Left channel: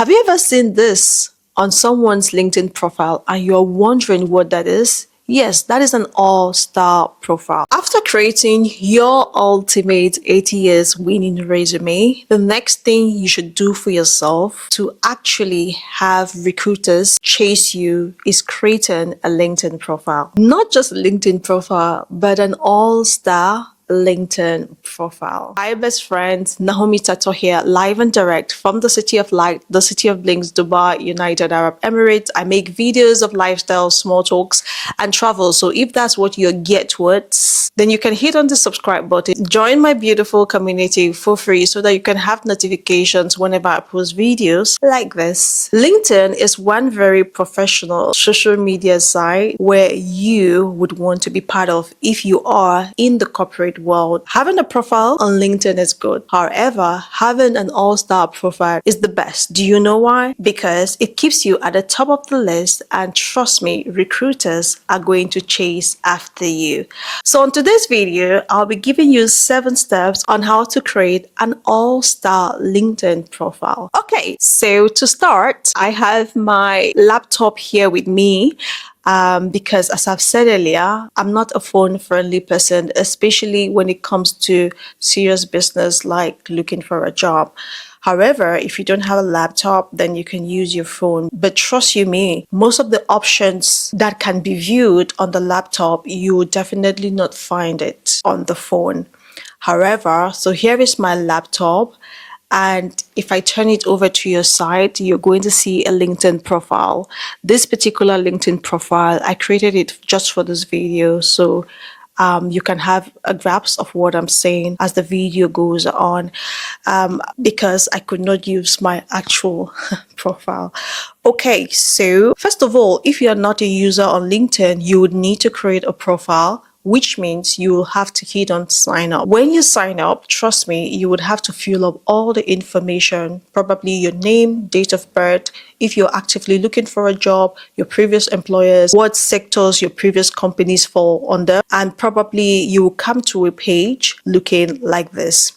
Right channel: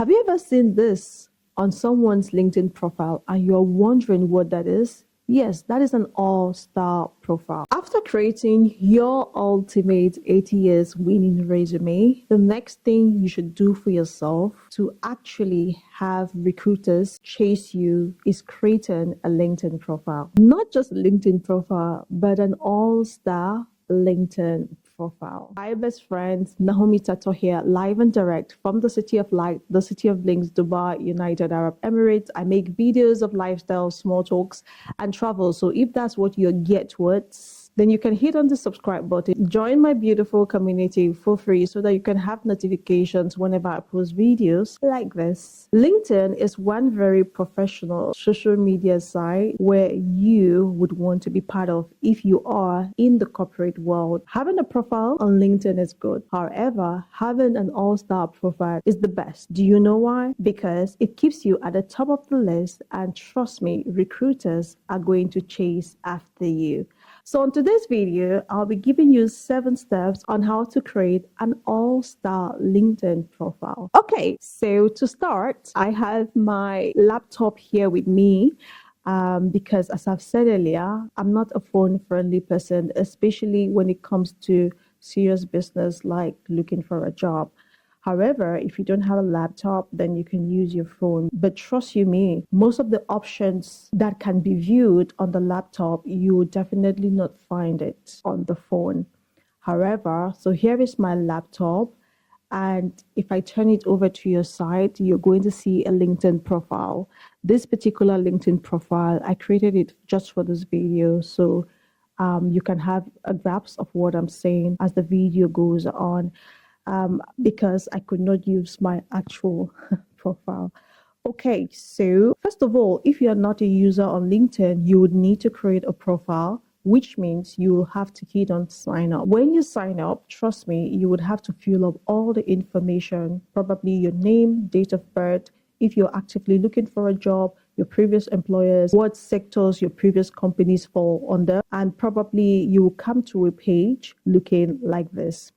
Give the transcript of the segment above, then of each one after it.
Have you ever seen this on someone's LinkedIn profile and you're wondering what that is? Yes, that is an all-star profile. After creating your ultimate 80 years winning resume, the next thing you should do for yourself to actually have recruiters chase you is creating a LinkedIn profile. Not just a LinkedIn profile, but an all-star LinkedIn profile. Hi, best friends. Naomi Tato here, live and direct from the City of Light, the City of Blinks, Dubai, United Arab Emirates. I make videos of lifestyle, small talks, and travel. So if that's what you're geared towards, then you can hit on the subscribe button. Join my beautiful community for free so that you can have notifications whenever I post videos like this. LinkedIn is one very professional social media site where you would want to be part of if you are in the corporate world. Having a profile on LinkedIn is good. However, having an all-star profile is the best. Do you know why? Because it keeps you at the top of the list, and trust me, recruiters are going to chase after you. So on today's video, I'll be giving you 7 steps on how to create an all-star LinkedIn profile. Okay, so to start, I have my laptop here with me. Because as I've said earlier, I'm not a phone-friendly person, especially when it comes to serious business like looking for a job. However, if you don't have a laptop, then you can use your phone. But trust you me, most of the options that can be viewed on the laptop, you will definitely not find it on the phone. However, so here is my laptop. And if I turn it over to your side, you're going to see a LinkedIn profile. This particular LinkedIn profile, I created it just for this video. So you can have a grasp of what I'm saying as the video goes on, because I could not use my actual profile. Okay, so first of all, if you're not a user on LinkedIn, you would need to create a profile, which means you will have to hit on sign up. When you sign up, trust me, you would have to fill up all the information, probably your name, date of birth, if you're actively looking for a job, your previous employers, what sectors your previous companies fall under, and probably you will come to a page looking like this.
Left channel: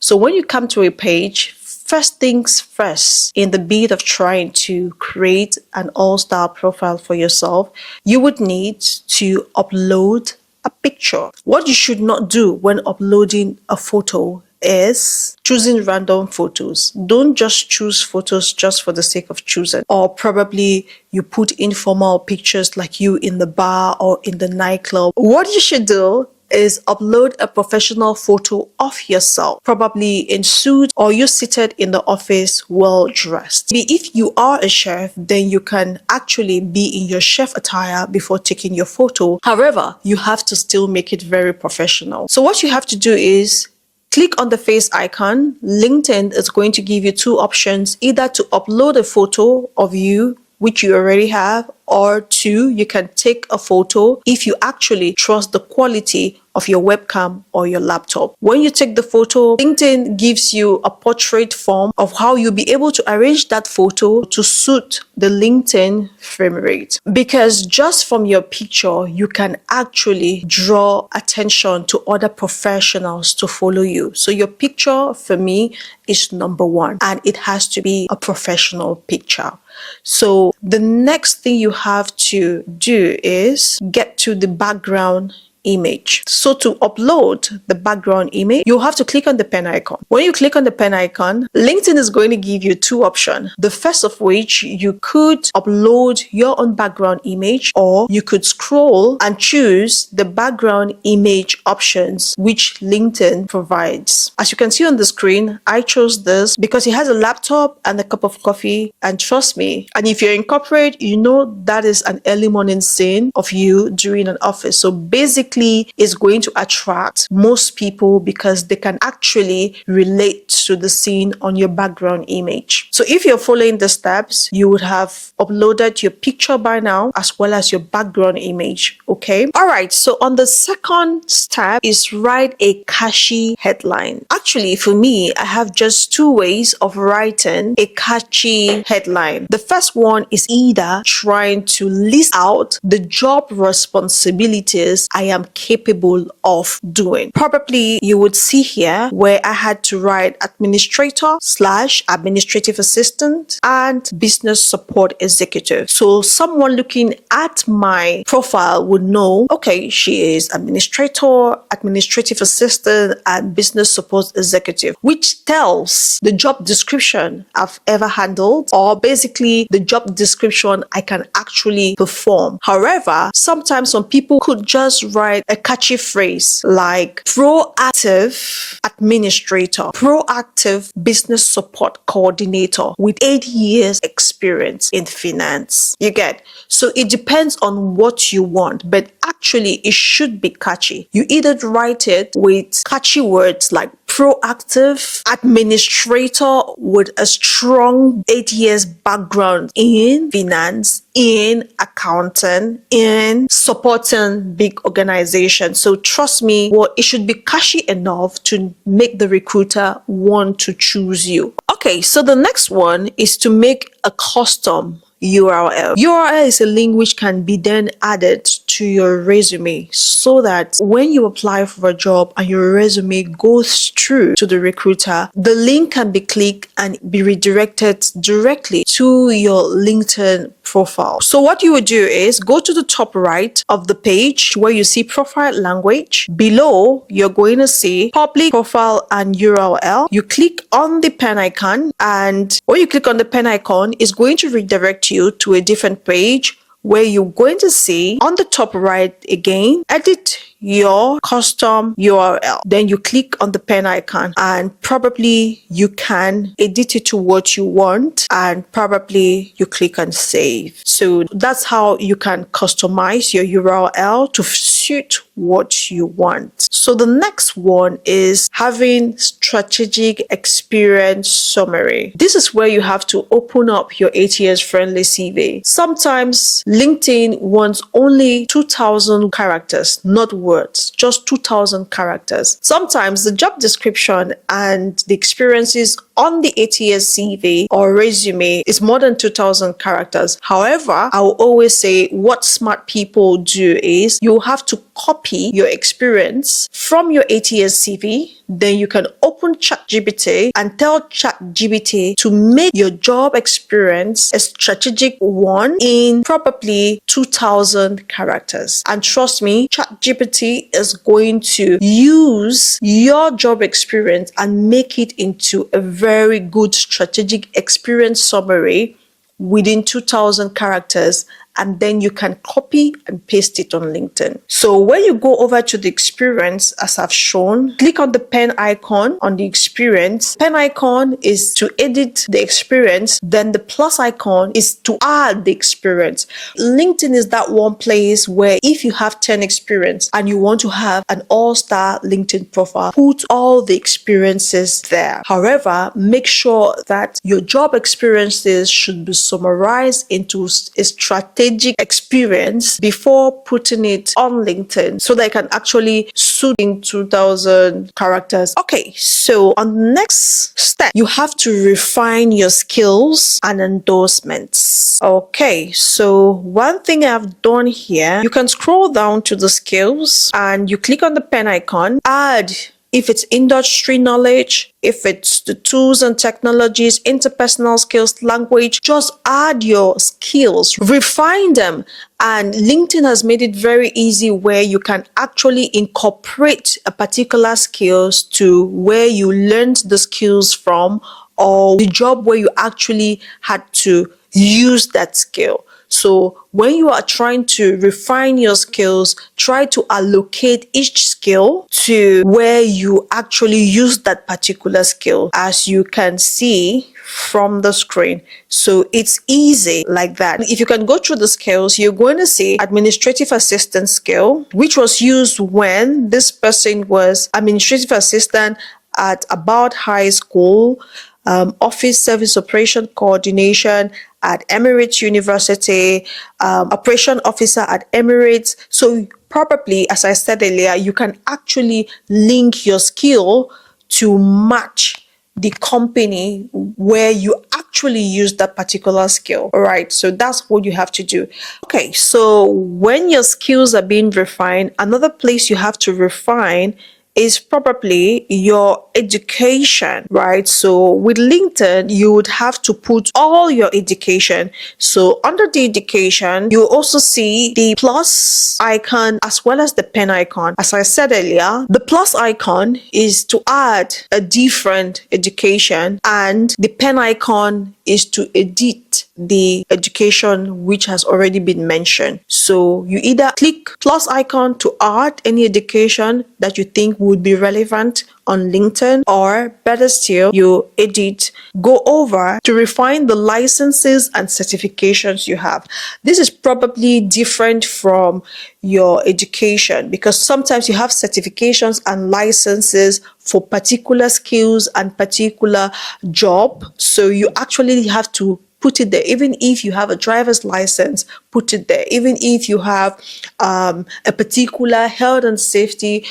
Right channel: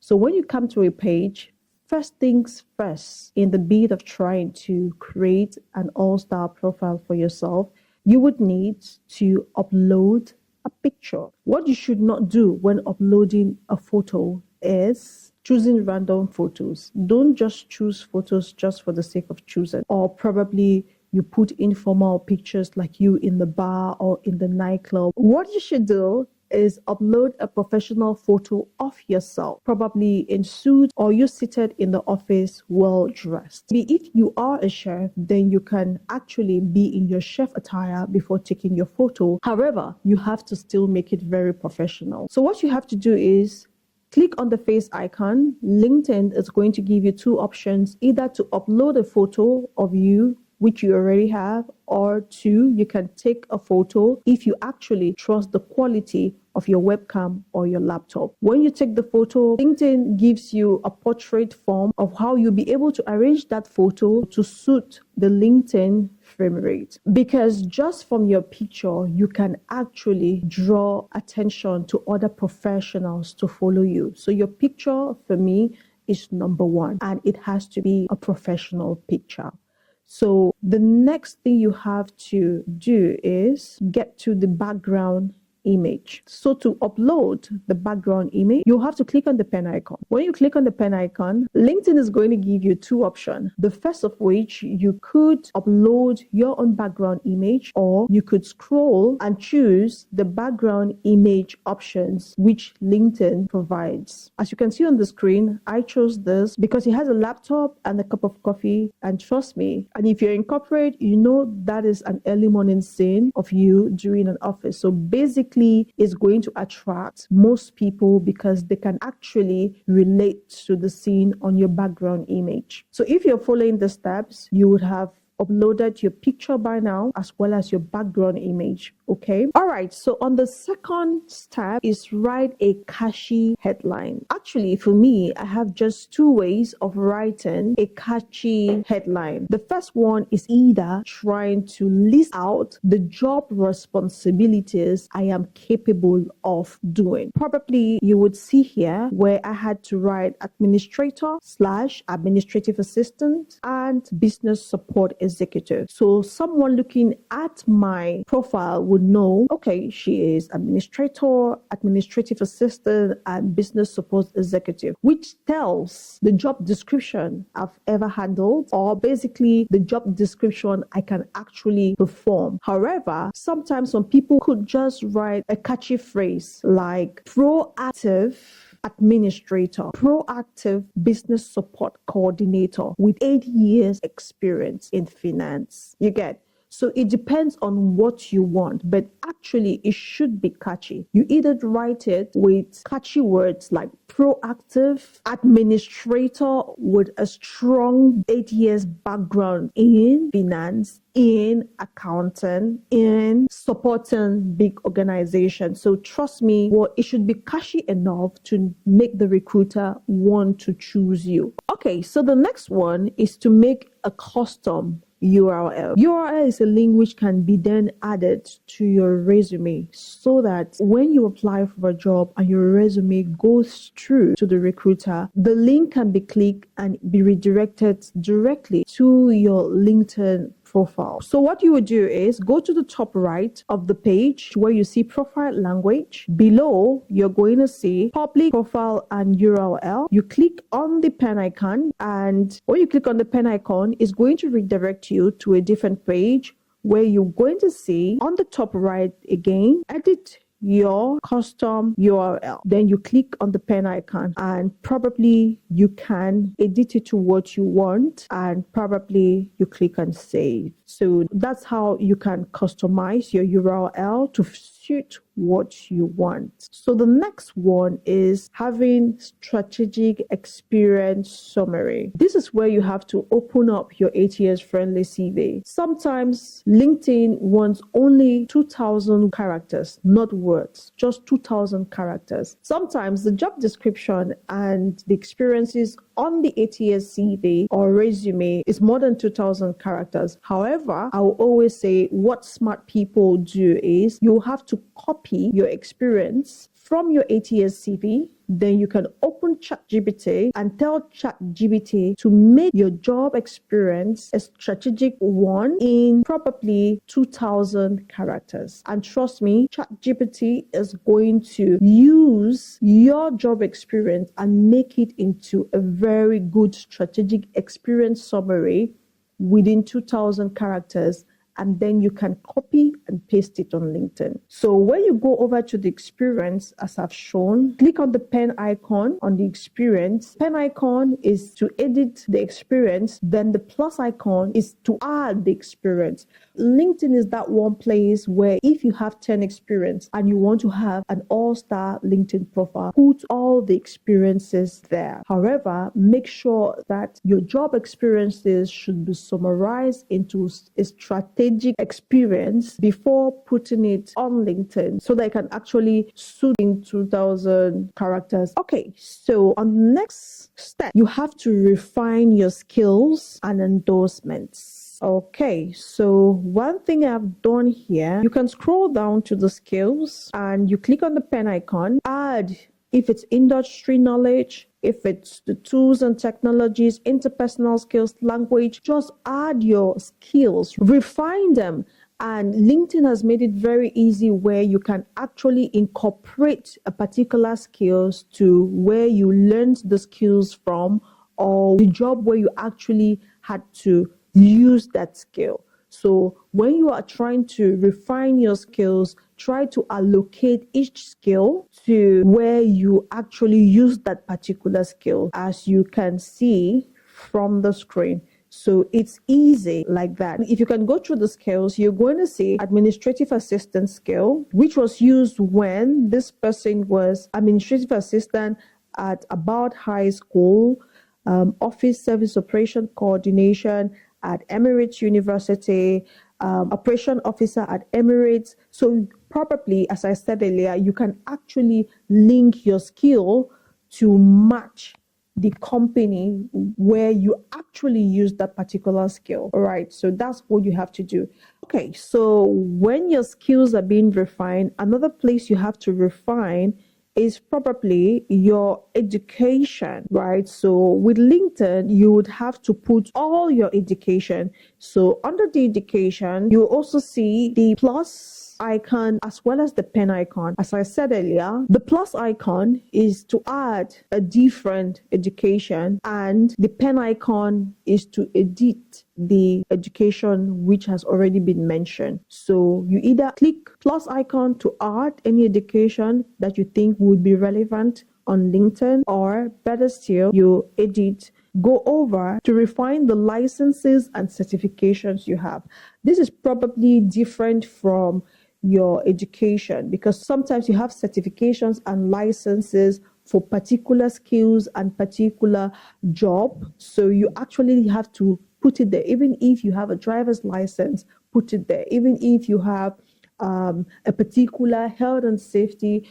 So when you come to a page, first things first, in the bid of trying to create an all-star profile for yourself, you would need to upload a picture. What you should not do when uploading a photo is choosing random photos. Don't just choose photos just for the sake of choosing. Or probably you put informal pictures like you in the bar or in the nightclub. What you should do is upload a professional photo of yourself, probably in suit or you seated in the office well dressed. If you are a chef, then you can actually be in your chef attire before taking your photo. However, you have to still make it very professional. So what you have to do is click on the face icon. LinkedIn is going to give you 2 options, either to upload a photo of you, which you already have, or 2, you can take a photo if you actually trust the quality of your webcam or your laptop. When you take the photo, LinkedIn gives you a portrait form of how you'll be able to arrange that photo to suit the LinkedIn frame rate. Because just from your picture, you can actually draw attention to other professionals to follow you. So your picture, for me, is number 1, and it has to be a professional picture. So the next thing you have to do is get to the background image. So to upload the background image, you have to click on the pen icon. When you click on the pen icon, LinkedIn is going to give you 2 options. The first of which, you could upload your own background image, or you could scroll and choose the background image options which LinkedIn provides. As you can see on the screen, I chose this because it has a laptop and a cup of coffee, and trust me, and if you're in corporate, you know that is an early morning scene of you during an office. So basically, is going to attract most people because they can actually relate to the scene on your background image. So if you're following the steps, you would have uploaded your picture by now, as well as your background image. Okay. All right. So on the second step is write a catchy headline. Actually, for me, I have just 2 ways of writing a catchy headline. The first one is either trying to list out the job responsibilities I am am capable of doing. Probably you would see here where I had to write administrator / administrative assistant and business support executive. So someone looking at my profile would know, okay, she is administrator, administrative assistant, and business support executive, which tells the job description I've ever handled, or basically the job description I can actually perform. However, sometimes some people could just write a catchy phrase like proactive administrator, proactive business support coordinator with 8 years experience in finance. You get? So it depends on what you want, but actually it should be catchy. You either write it with catchy words like proactive administrator with a strong 8 years background in finance, in accounting, in supporting big organizations. So trust me, it should be catchy enough to make the recruiter want to choose you. Okay, so the next one is to make a custom URL. URL is a link which can be then added to your resume so that when you apply for a job and your resume goes through to the recruiter, the link can be clicked and be redirected directly to your LinkedIn profile. So what you would do is go to the top right of the page where you see profile language. Below, you're going to see public profile and URL. You click on the pen icon, and when you click on the pen icon, it's going to redirect you to a different page where you're going to see on the top right again, edit your custom URL. Then you click on the pen icon and probably you can edit it to what you want, and probably you click on save. So that's how you can customize your URL to suit what you want. So the next one is having strategic experience summary. This is where you have to open up your ATS friendly CV. Sometimes LinkedIn wants only 2,000 characters, not words, just 2,000 characters. Sometimes the job description and the experiences on the ATS CV or resume is more than 2,000 characters. However, I will always say what smart people do is you have to copy your experience from your ATS CV. Then you can open ChatGPT and tell ChatGPT to make your job experience a strategic one in probably 2,000 characters. And trust me, ChatGPT is going to use your job experience and make it into a very good strategic experience summary within 2,000 characters, and then you can copy and paste it on LinkedIn. So when you go over to the experience, as I've shown, click on the pen icon on the experience. Pen icon is to edit the experience. Then the plus icon is to add the experience. LinkedIn is that one place where if you have 10 experience and you want to have an all-star LinkedIn profile, put all the experiences there. However, make sure that your job experiences should be summarized into a strategic experience before putting it on LinkedIn so that it can actually suit in 2,000 characters. Okay, so on the next step, you have to refine your skills and endorsements. Okay, so one thing I've done here, you can scroll down to the skills and you click on the pen icon, add if it's industry knowledge, if it's the tools and technologies, interpersonal skills, language, just add your skills, refine them. And LinkedIn has made it very easy where you can actually incorporate a particular skills to where you learned the skills from, or the job where you actually had to use that skill. So when you are trying to refine your skills, try to allocate each skill to where you actually use that particular skill, as you can see from the screen. So it's easy like that. If you can go through the skills, you're going to see administrative assistant skill, which was used when this person was administrative assistant at About High School, office service operation coordination at Emirates University, operation officer at Emirates. So probably, as I said earlier, you can actually link your skill to match the company where you actually use that particular skill. All right. So that's what you have to do. Okay. So when your skills are being refined, another place you have to refine is probably your education, right? So with LinkedIn, you would have to put all your education. So under the education, you also see the plus icon as well as the pen icon. As I said earlier, the plus icon is to add a different education, and the pen icon is to edit the education which has already been mentioned. So you either click plus icon to add any education that you think would be relevant on LinkedIn, or better still, you edit, go over to refine the licenses and certifications you have. This is probably different from your education because sometimes you have certifications and licenses for particular skills and particular job. So you actually have to put it there. Even if you have a driver's license, put it there. Even if you have a particular health and safety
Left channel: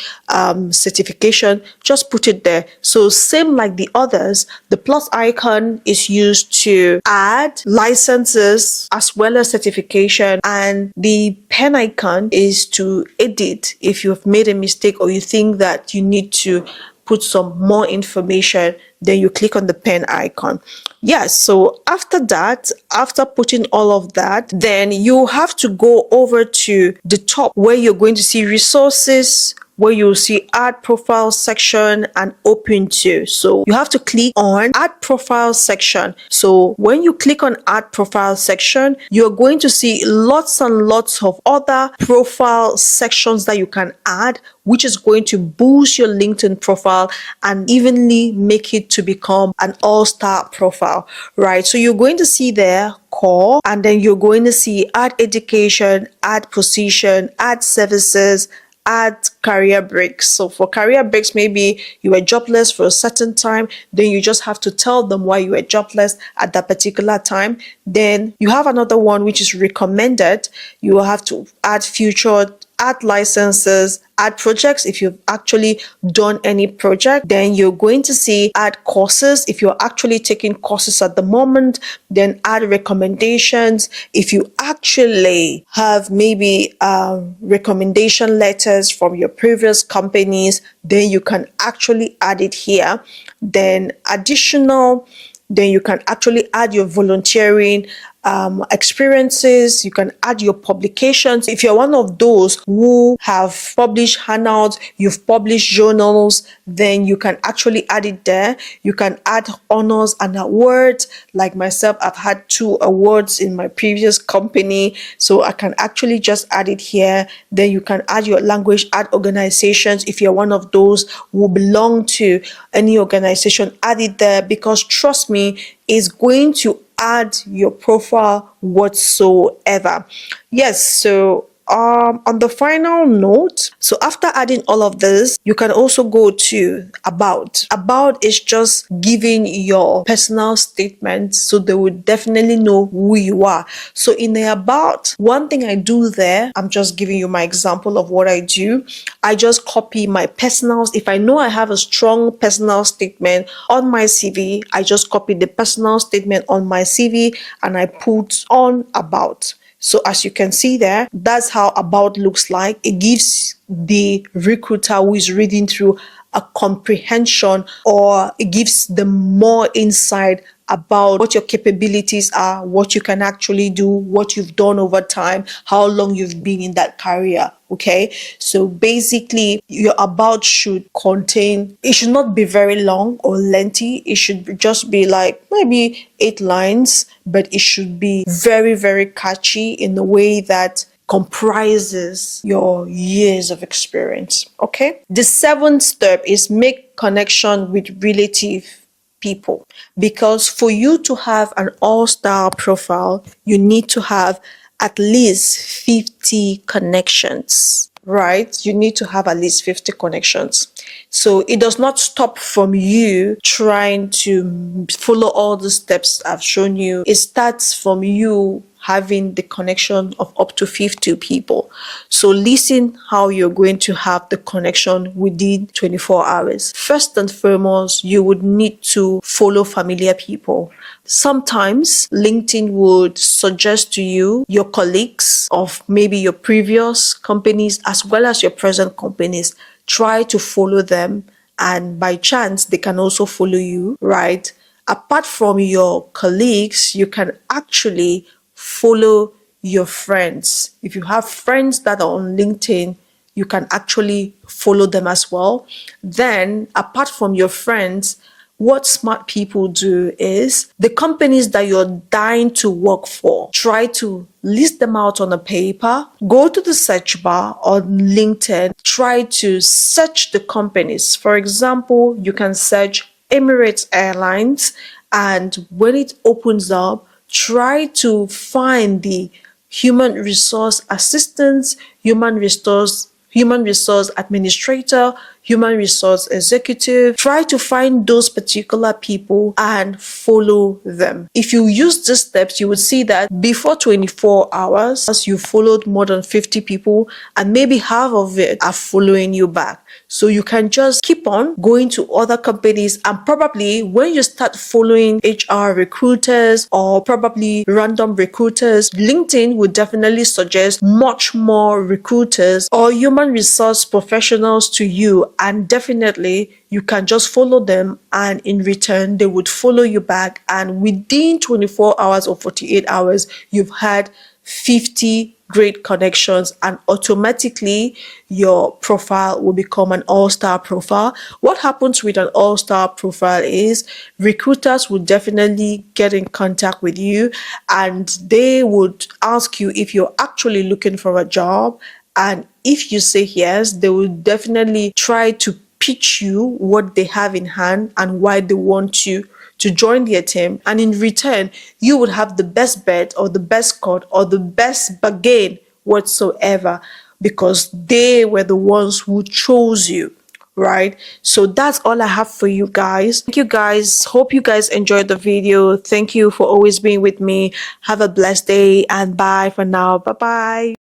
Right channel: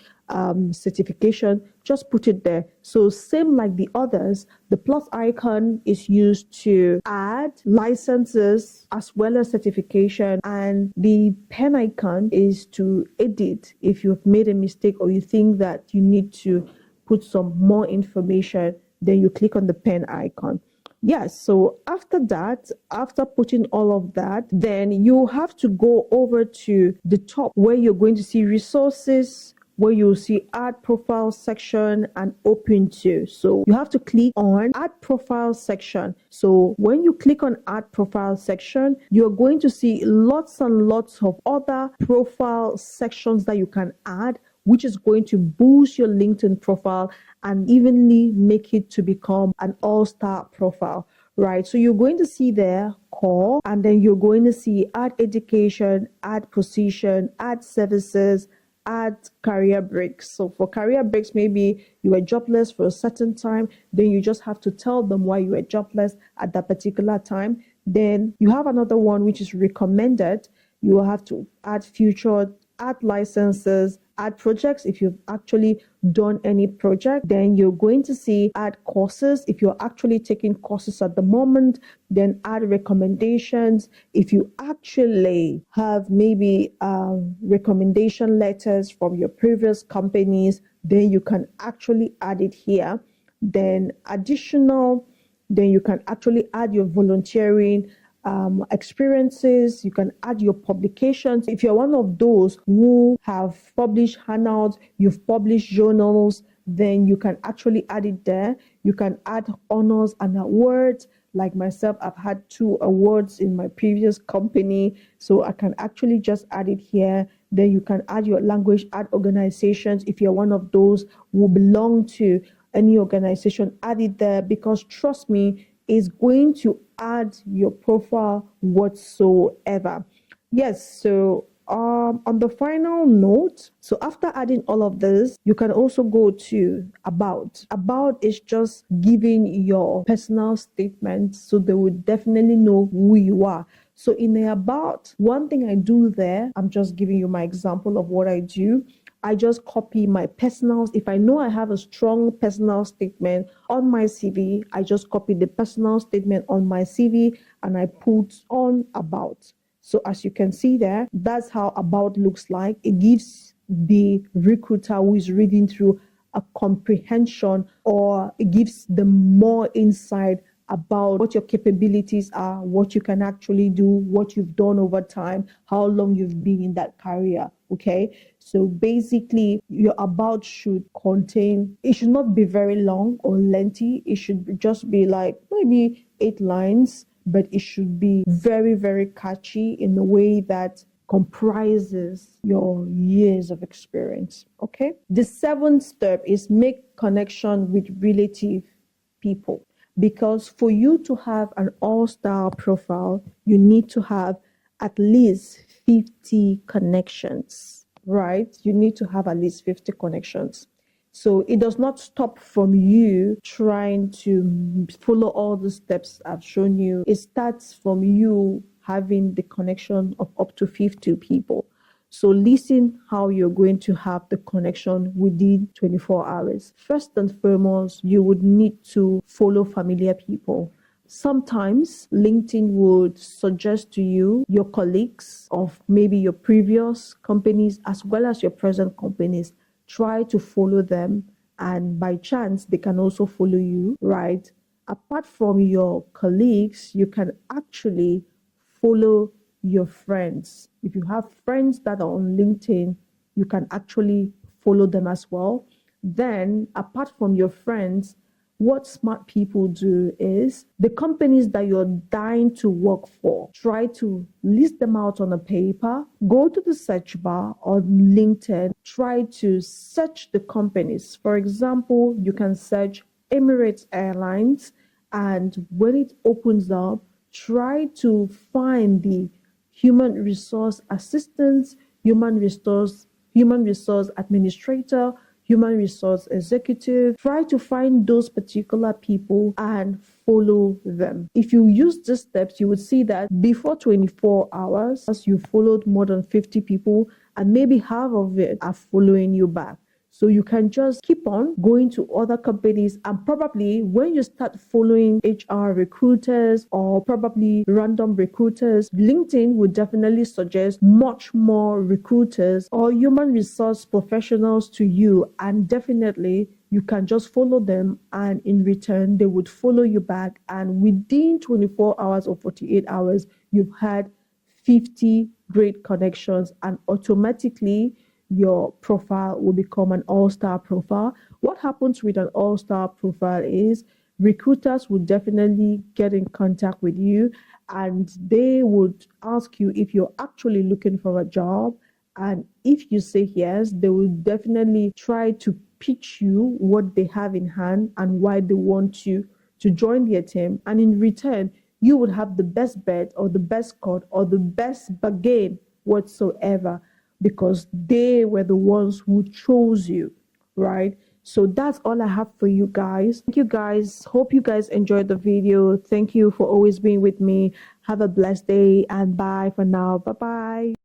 certification, just put it there. So same like the others, the plus icon is used to add licenses as well as certification, and the pen icon is to edit if you've made a mistake or you think that you need to put some more information, then you click on the pen icon. Yes, so after that, after putting all of that, then you have to go over to the top where you're going to see resources, where you'll see add profile section and open to. So you have to click on add profile section. So when you click on add profile section, you're going to see lots and lots of other profile sections that you can add, which is going to boost your LinkedIn profile and evenly make it to become an all-star profile, right? So you're going to see there core, and then you're going to see add education, add position, add services, add career breaks. So for career breaks, maybe you were jobless for a certain time, then you just have to tell them why you were jobless at that particular time. Then you have another one which is recommended. You will have to add future, add licenses, add projects if you've actually done any project. Then you're going to see add courses if you're actually taking courses at the moment. Then add recommendations if you actually have maybe recommendation letters from your previous companies, then you can actually add it here. Then additional, then you can actually add your volunteering experiences. You can add your publications. If you're one of those who have published handouts, you've published journals, then you can actually add it there. You can add honors and awards. Like myself, I've had 2 awards in my previous company, so I can actually just add it here. Then you can add your language, add organizations. If you're one of those who belong to any organization, add it there, because trust me, it's going to add your profile whatsoever. Yes, so on the final note, so after adding all of this, you can also go to about. About is just giving your personal statement, so they would definitely know who you are. So in the about, one thing I do there, I'm just giving you my example of what I do. I just copy my personals. If I know I have a strong personal statement on my CV, I just copy the personal statement on my CV and I put on about. So as you can see there, that's how about looks like. It gives the recruiter who is reading through a comprehension, or it gives them more insight about what your capabilities are, what you can actually do, what you've done over time, how long you've been in that career. Okay, so basically your about should contain, it should not be very long or lengthy. It should just be like maybe 8 lines, but it should be very, very catchy in a way that comprises your years of experience. Okay, the 7th step is make connection with relative people, because for you to have an all-star profile, you need to have at least 50 connections, right? You need to have at least 50 connections. So it does not stop from you trying to follow all the steps I've shown you. It starts from you having the connection of up to 50 people. So listen how you're going to have the connection within 24 hours. First and foremost, you would need to follow familiar people. Sometimes LinkedIn would suggest to you your colleagues of maybe your previous companies as well as your present companies. Try to follow them, and by chance they can also follow you, right? Apart from your colleagues, you can actually follow your friends. If you have friends that are on LinkedIn, you can actually follow them as well. Then, apart from your friends, what smart people do is the companies that you're dying to work for, try to list them out on a paper, go to the search bar on LinkedIn, try to search the companies. For example, you can search Emirates Airlines, and when it opens up, try to find the human resource assistants, human resource administrator, human resource executive. Try to find those particular people and follow them. If you use these steps, you would see that before 24 hours, as you followed more than 50 people, and maybe half of it are following you back. So you can just keep on going to other companies, and probably when you start following HR recruiters or probably random recruiters, LinkedIn would definitely suggest much more recruiters or human resource professionals to you, and definitely you can just follow them, and in return they would follow you back, and within 24 hours or 48 hours you've had 50 great connections, and automatically your profile will become an all-star profile. What happens with an all-star profile is recruiters will definitely get in contact with you, and they would ask you if you're actually looking for a job. And if you say yes, they will definitely try to pitch you what they have in hand and why they want you to join their team. And in return, you would have the best bet or the best cut or the best bargain whatsoever, because they were the ones who chose you, right? So that's all I have for you guys. Thank you guys. Hope you guys enjoyed the video. Thank you for always being with me. Have a blessed day, and bye for now. Bye bye.